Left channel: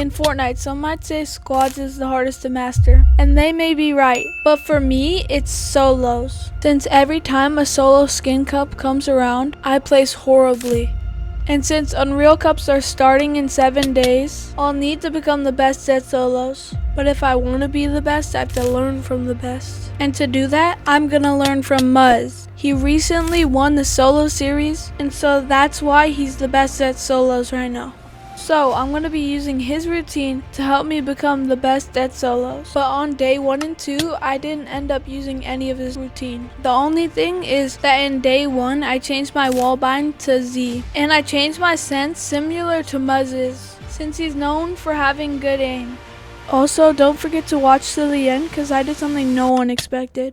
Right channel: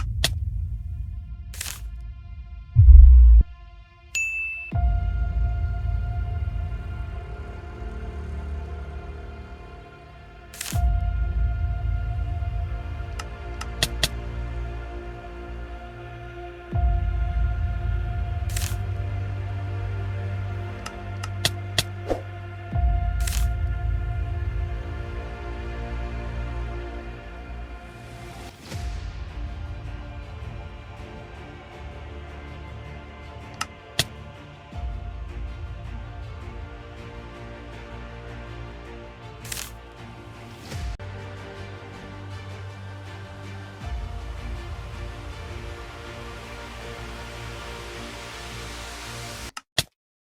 In Fortnite, some might say squads is the hardest to master, and they may be right, but for me, it's solos. Since every time a solo skin cup comes around, I place horribly. And since Unreal Cups are starting in 7 days, I'll need to become the best at solos. But if I want to be the best, I have to learn from the best. And to do that, I'm gonna learn from Muzz. He recently won the solo series, and so that's why he's the best at solos right now. So I'm going to be using his routine to help me become the best at solos. But on day 1 and 2, I didn't end up using any of his routine. The only thing is that in day 1, I changed my wallbind to Z. And I changed my sense similar to Muzz's, since he's known for having good aim. Also, don't forget to watch till the end because I did something no one expected.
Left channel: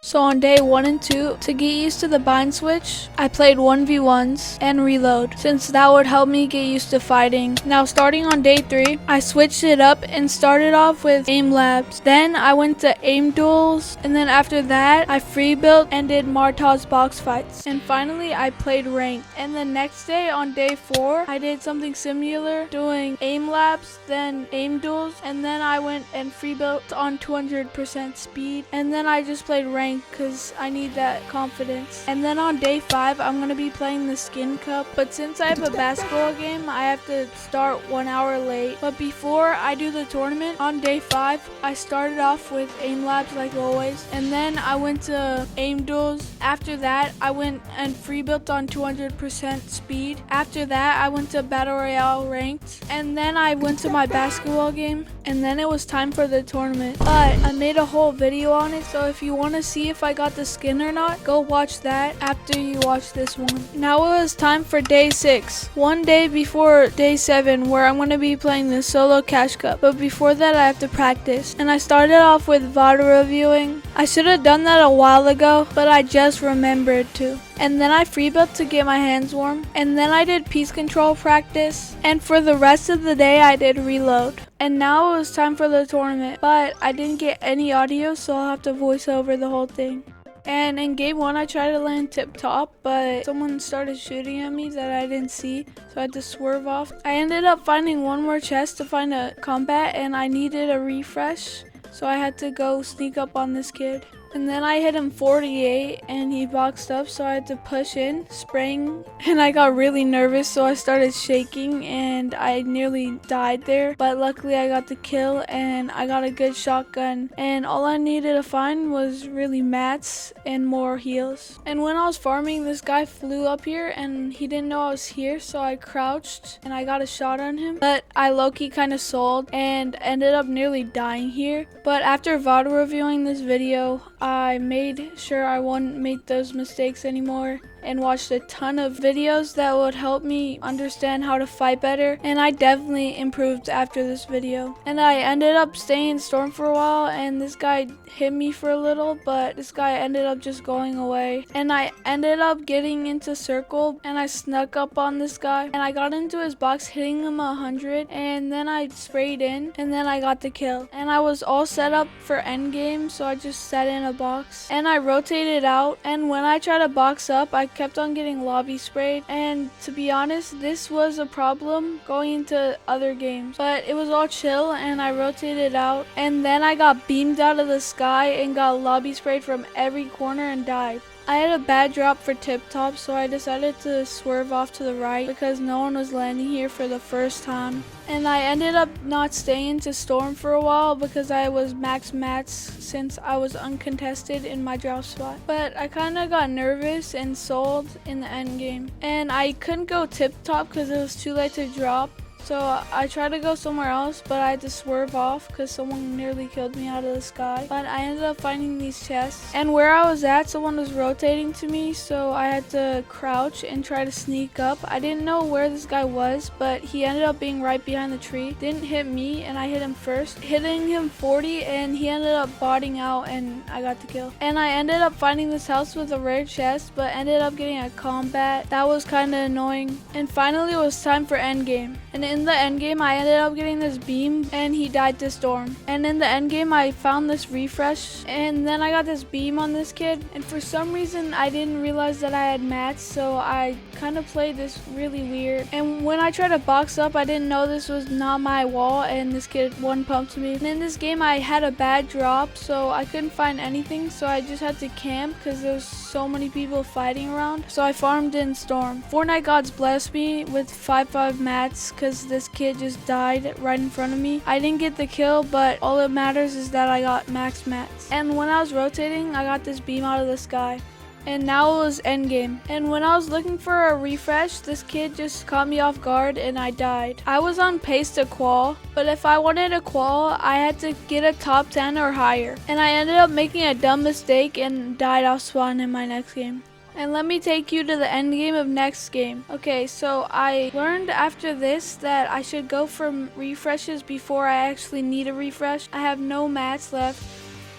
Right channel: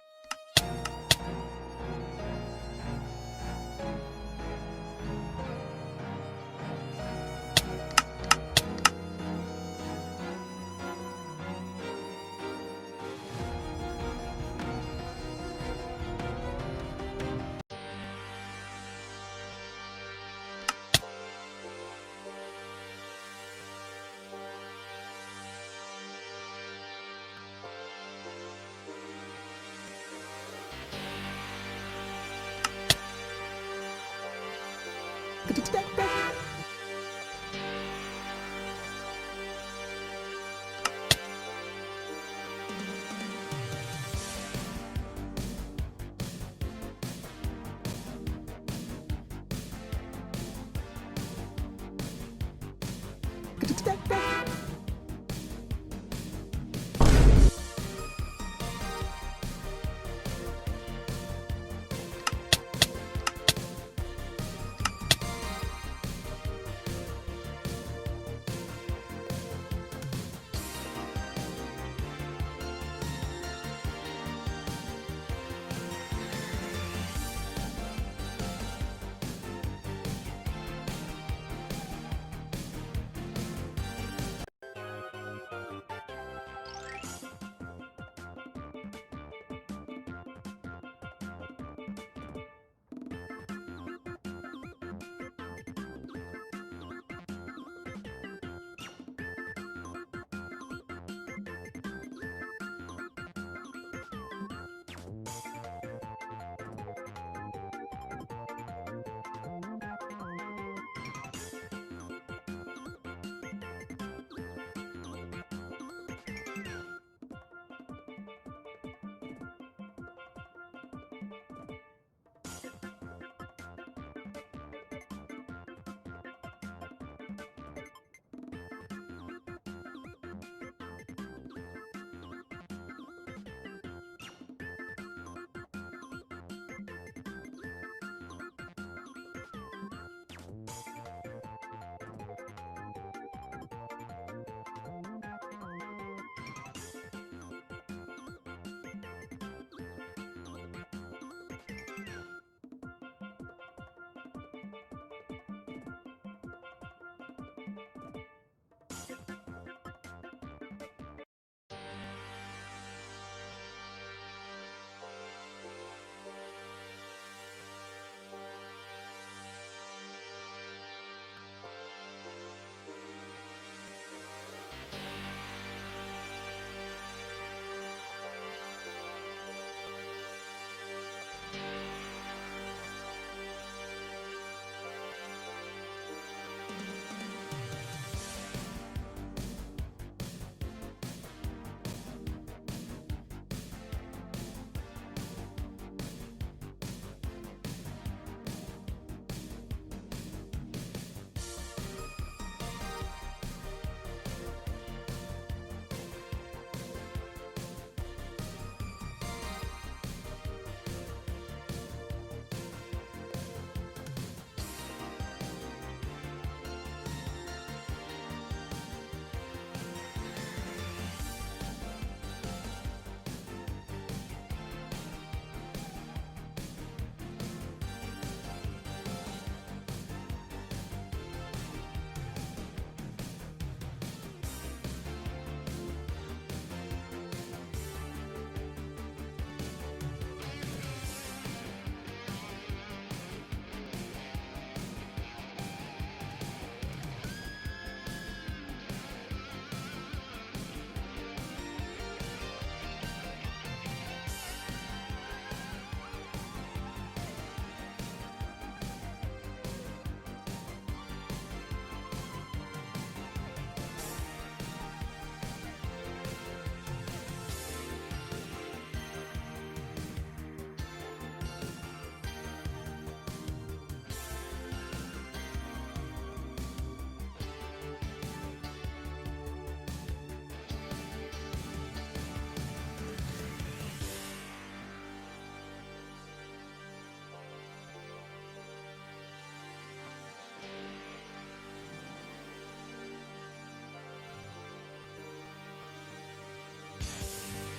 So on day 1 and 2, to get used to the bind switch, I played 1v1s and reload, since that would help me get used to fighting. Now starting on day 3, I switched it up and started off with aim labs. Then I went to aim duels, and then after that, I free built and did Martaz box fights. And finally, I played ranked. And the next day on day 4, I did something similar, doing aim labs, then aim duels, and then I went and free built on 200% speed. And then I just played ranked because I need that confidence. And then on day 5, I'm going to be playing the skin cup, but since I have a basketball game, I have to start 1 hour late. But before I do the tournament, on day 5, I started off with aim labs like always, and then I went to aim duels. After that, I went and free built on 200% speed. After that, I went to battle royale ranked, and then I went to my basketball game, and then it was time for the tournament. But I made a whole video on it, so if you want to see if I got the skin or not, go watch that after you watch this one. Now it was time for day 6, one day before day 7, where I'm going to be playing the solo cash cup. But before that, I have to practice, and I started off with VOD reviewing. I should have done that a while ago, but I just remembered to. And then I free built to get my hands warm, and then I did piece control practice, and for the rest of the day I did reload. And now it was time for the tournament, but I didn't get any audio, so I'll have to voice over the whole thing. And in game 1, I tried to land tip top, but someone started shooting at me that I didn't see, so I had to swerve off. I ended up finding one more chest to find a combat, and I needed a refresh, so I had to go sneak up on this kid. And then I hit him 48 and he boxed up, so I had to push in, spraying, and I got really nervous, so I started shaking and I nearly died there. But luckily I got the kill and I got a good shotgun, and all I needed to find was really mats and more heals. And when I was farming, this guy flew up here and he didn't know I was here, so I crouched and I got a shot on him. But I low-key kind of sold and ended up nearly dying here. But after VOD reviewing this video, I made sure I wouldn't make those mistakes anymore and watched a ton of videos that would help me understand how to fight better, and I definitely improved after this video. And I ended up staying in storm for a while, and this guy hit me for a little, but this guy ended up just going away. And I ended up getting into circle, and I snuck up on this guy, and I got into his box, hitting him 100, and then I sprayed in, and then I got the kill. And I was all set up for endgame, so I just sat in a box, and I rotated out, and when I tried to box up, I kept on getting lobby sprayed. And to be honest, this was a problem going into other games, but it was all chill, and I rotated out, and then I got beamed out of the sky and got lobby sprayed from every corner and died. I had a bad drop for tip top, so I decided to swerve off to the right because no one was landing here for the first time. And I ended up not staying to storm for a while because I was max mats since I was uncontested in my drop spot. But I kind of got nervous and sold in the end game. And I couldn't go tip top because it was too late to drop. So I tried to go somewhere else, but I had to swerve off because someone nearly killed me out of the sky. But I ended up finding these chests, and where I was at, someone was rotating to me, so I had to crouch and try to sneak up. I didn't know where this guy was, but he ended up being right behind the tree. Didn't hit me, and I hit him first, hitting him 40, and he ended up botting out, and I got the kill. And I ended up finding this house with a rare chest, but ended up getting a combat. That was kind of annoying. And finally it was time for endgame, and in the end game, I ended up getting this beam, and he died to storm. And in the end game, I found this refresh, and then I got this beam on this kid. And for some reason, I didn't realize that I had mats, so I kind of played this really weird. And when I tried to box up, I didn't know this was not my wall, and this kid one pumped me. And in this game, I had a bad drop, so I couldn't find anything, so I just had to camp because there's so many people fighting around. So I farmed in storm. Fortnite gods blessed me with 5-5 mats because this kid just died right in front of me. I didn't get the kill, but all that matters is that I got max mats. And when I was rotating, I got this beam out of the sky. And now it was endgame. And when I was looking for a refresh, this kid just caught me off guard and I died. I was on pace to qual, but if I wanted a qual, I had to get a top 10 or higher. And I ended up making a dumb mistake and died off spawn in my next game. And let me take you to the end game of next game. Okay, so I learned after this that I should go for refreshes before I actually need a refresh. I have no mats left.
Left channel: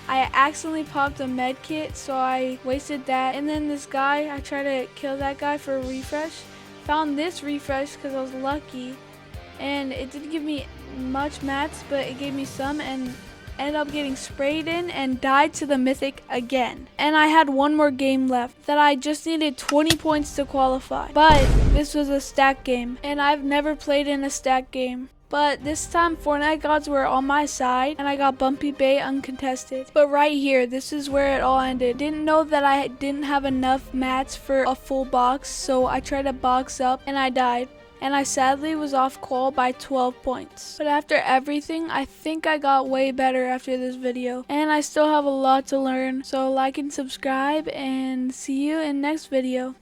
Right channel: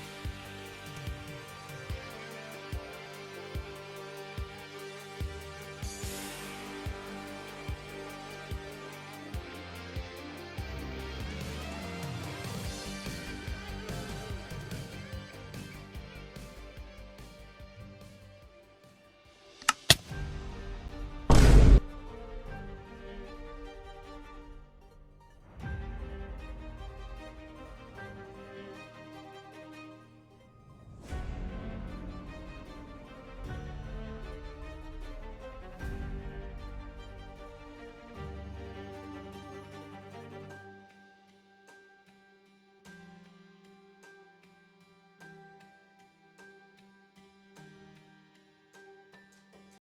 I accidentally popped a med kit, so I wasted that. And then this guy, I tried to kill that guy for a refresh. Found this refresh because I was lucky. And it didn't give me much mats, but it gave me some, and ended up getting sprayed in and died to the mythic again. And I had one more game left that I just needed 20 points to qualify. But this was a stack game, and I've never played in a stack game. But this time Fortnite gods were on my side and I got bumpy bait uncontested. But right here, this is where it all ended. Didn't know that I didn't have enough mats for a full box, so I tried to box up and I died. And I sadly was off qual by 12 points. But after everything, I think I got way better after this video. And I still have a lot to learn, so like and subscribe and see you in next video.